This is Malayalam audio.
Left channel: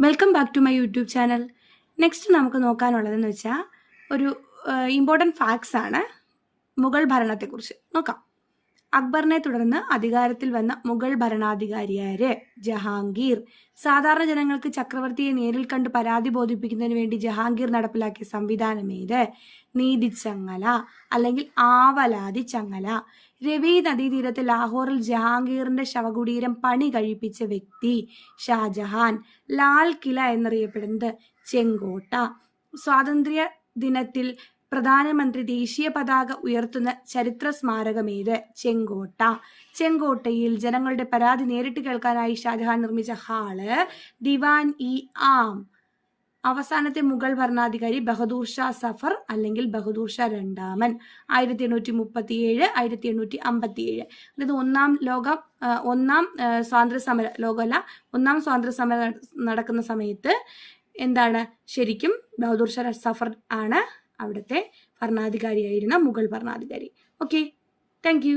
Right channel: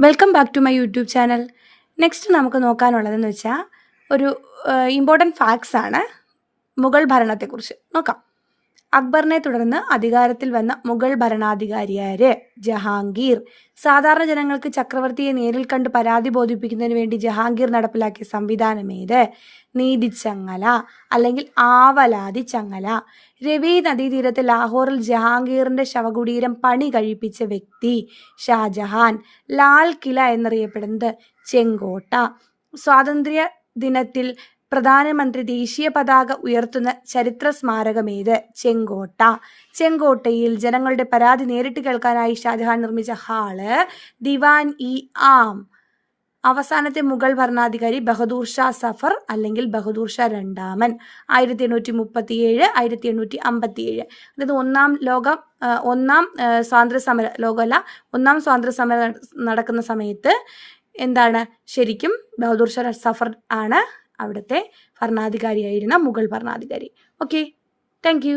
Welcome back to my YouTube channel. Next നമുക്ക് നോക്കാനുള്ളതെന്ന് വെച്ചാൽ ഒരു ഇമ്പോർട്ടൻറ്റ് ഫാക്ട്സ് ആണ് മുഗൾ ഭരണത്തെക്കുറിച്ച് നോക്കാം. അക്ബറിനെ തുടർന്ന് അധികാരത്തിൽ വന്ന മുഗൾ ഭരണാധികാരിയാര്? ജഹാംഗീർ. സാധാരണ ജനങ്ങൾക്ക് ചക്രവർത്തിയെ നേരിൽ കണ്ട് പരാതി ബോധിപ്പിക്കുന്നതിന് വേണ്ടി ജഹാംഗീർ നടപ്പിലാക്കിയ സംവിധാനം ഏത്? നീതിച്ചങ്ങല അല്ലെങ്കിൽ ആവലാതി ചങ്ങല. രവി നദീതീരത്ത് ലാഹോറിൽ ജഹാംഗീറിന്റെ ശവകുടീരം പണി കഴിപ്പിച്ച വ്യക്തി? ഷാജഹാൻ. ലാൽ കില എന്നറിയപ്പെടുന്നത് ചെങ്കോട്ട. സ്വാതന്ത്ര്യ ദിനത്തിൽ പ്രധാനമന്ത്രി ദേശീയ പതാക ഉയർത്തുന്ന ചരിത്ര സ്മാരകമേത്? ചെങ്കോട്ട. ചെങ്കോട്ടയിൽ ജനങ്ങളുടെ പരാതി നേരിട്ട് കേൾക്കാനായി ഷാജഹാൻ നിർമ്മിച്ച ഹാള് ദിവാൻ ഇ ആം. അവസാനത്തെ മുഗൾ ഭരണാധികാരി ബഹദൂർ ഷാ സഫർ അല്ലെങ്കിൽ ബഹദൂർ ഷാ രണ്ടാമൻ. 1837 1857. അതായത് ഒന്നാം സ്വാതന്ത്ര്യ സമര ലോകമല്ല ഒന്നാം സ്വാതന്ത്ര്യ സമരം നടക്കുന്ന സമയത്ത് എന്താണ് ശരിക്കും ബഹദൂർ ഷാ സഫർ ആണ് അവിടുത്തെ ഭരണാധികാരിയായിരുന്ന മുഗൾ ഭരണാധികാരി. Okay, thank you.